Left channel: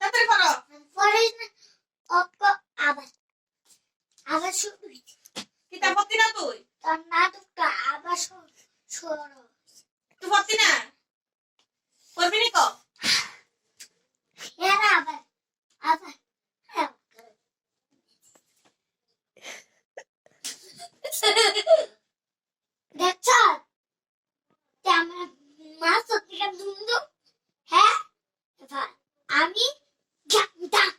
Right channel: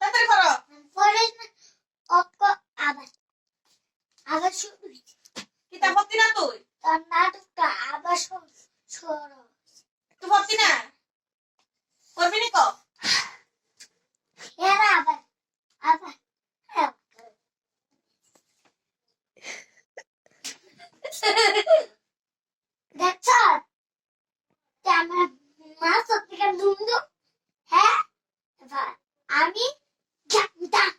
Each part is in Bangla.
তাড়াতাড়ি করো। পরে আবার আবার শুরু কিতা ভর্তি না তুই? তোর নাটকটা আবার শুরু তুই ভর্তি না? করবি নি কো? এরা আবার আবার দেখছ আমার মা সত্যিকার দুন্দু হ্যাঁ এবার আমি জানতাম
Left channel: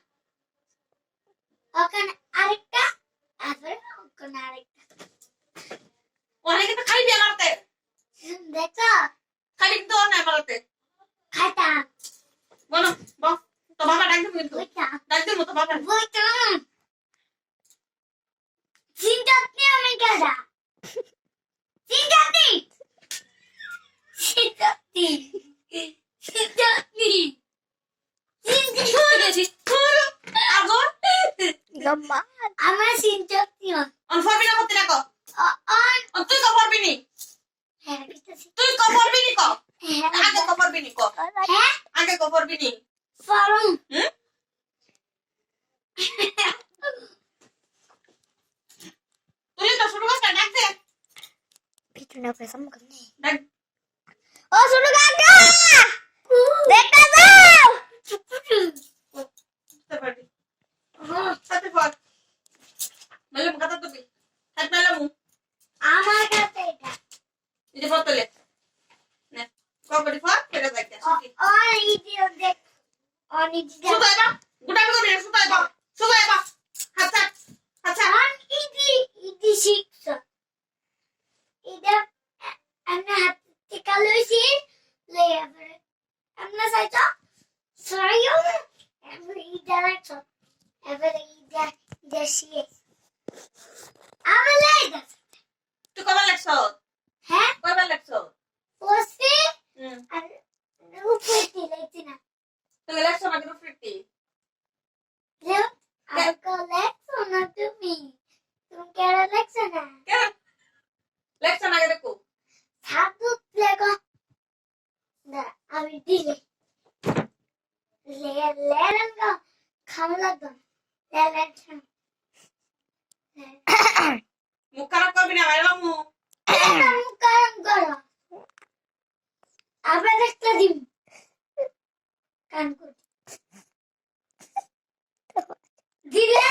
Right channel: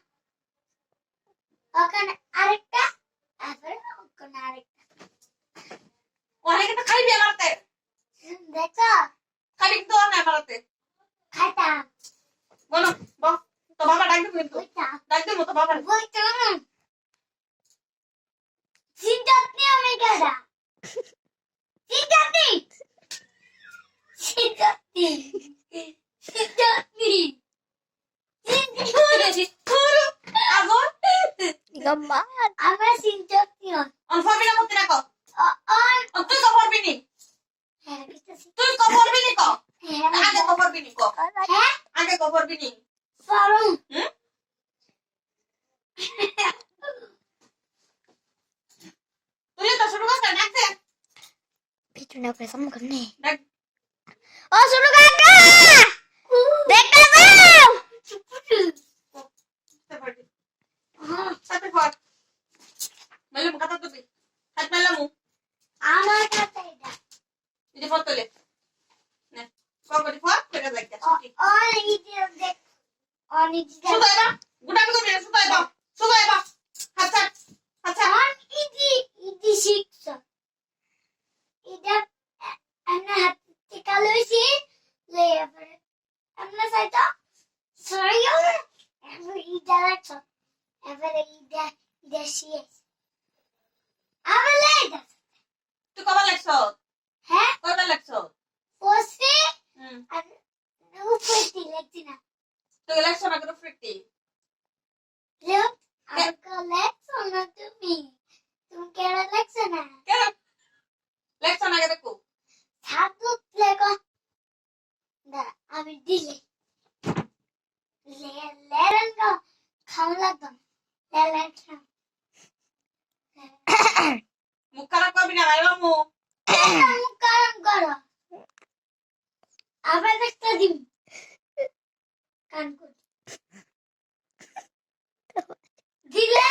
ওখানে আরেকটা আবার ওখানে আরেকটা অনেকে তো খাইবি আমারতে। দেখছ খালি তো না আমারতে। খাইতাম বলো বল তো বাবা ডাক দিবি কিন্তু। বইটা ডাক দিবি তো বাবা। বইতাম চিন্তাতে আমি গেলা চিন্তাতে চিন্তাতে চিন্তাতে আগর গম্মা আমার চিন্তাতে অন ফরবি না ভর্তি না কো? অন তুই কো ফরবি নি? হ্যাঁ কিতাছি তুই কো ফরবি নি কো? হ্যাঁ আগে কো ফরবি নি কো? হ্যাঁ আগে কো ফরবি নি? ফরম হুম? তুই তো শুরু কর ডাক দে। পিছনে প্রেসাম করনে ডাক ও শুরু কাকা দেখা দাও দিতে পারবি। তাতে ফর। মালুম কথা তুই। হাত মালামু। আমার কাছে এটা এটা ফতলে। নে কবরি ফর কেটে যাইতে। আর ইডিও দেখ অনেক সুতাই বা গুটামি করবি না সুতাই বা। সুতাই বা। হাত ছাড়। হাত ছাড়। আর ইডি শিখছ এটা আমরা হাতে কালোইছি লেয়ার আমরা সাইতো সরিও আমরা ইডা রাখছ এবারে ইডা শিয়ে আমলে এটা তুই কবার লাগছ? হ্যাঁ কবার লাগছ? ওসে হুম। আর উপরে দিলেছি না তুই লাগছ না কেন ফ্রিটি? Look, I'll go next one not to me. তুমি কেন লেখছ না কেন? লাগছ না আগে দেখো। সাধু লেখো না আমি দিলে লেলেন গো খাওয়া দাও লেলেন মুখ খারাপ করবি না মাইলামু। মুখ কারণ করো আবার একটা দিন কান কর দিলে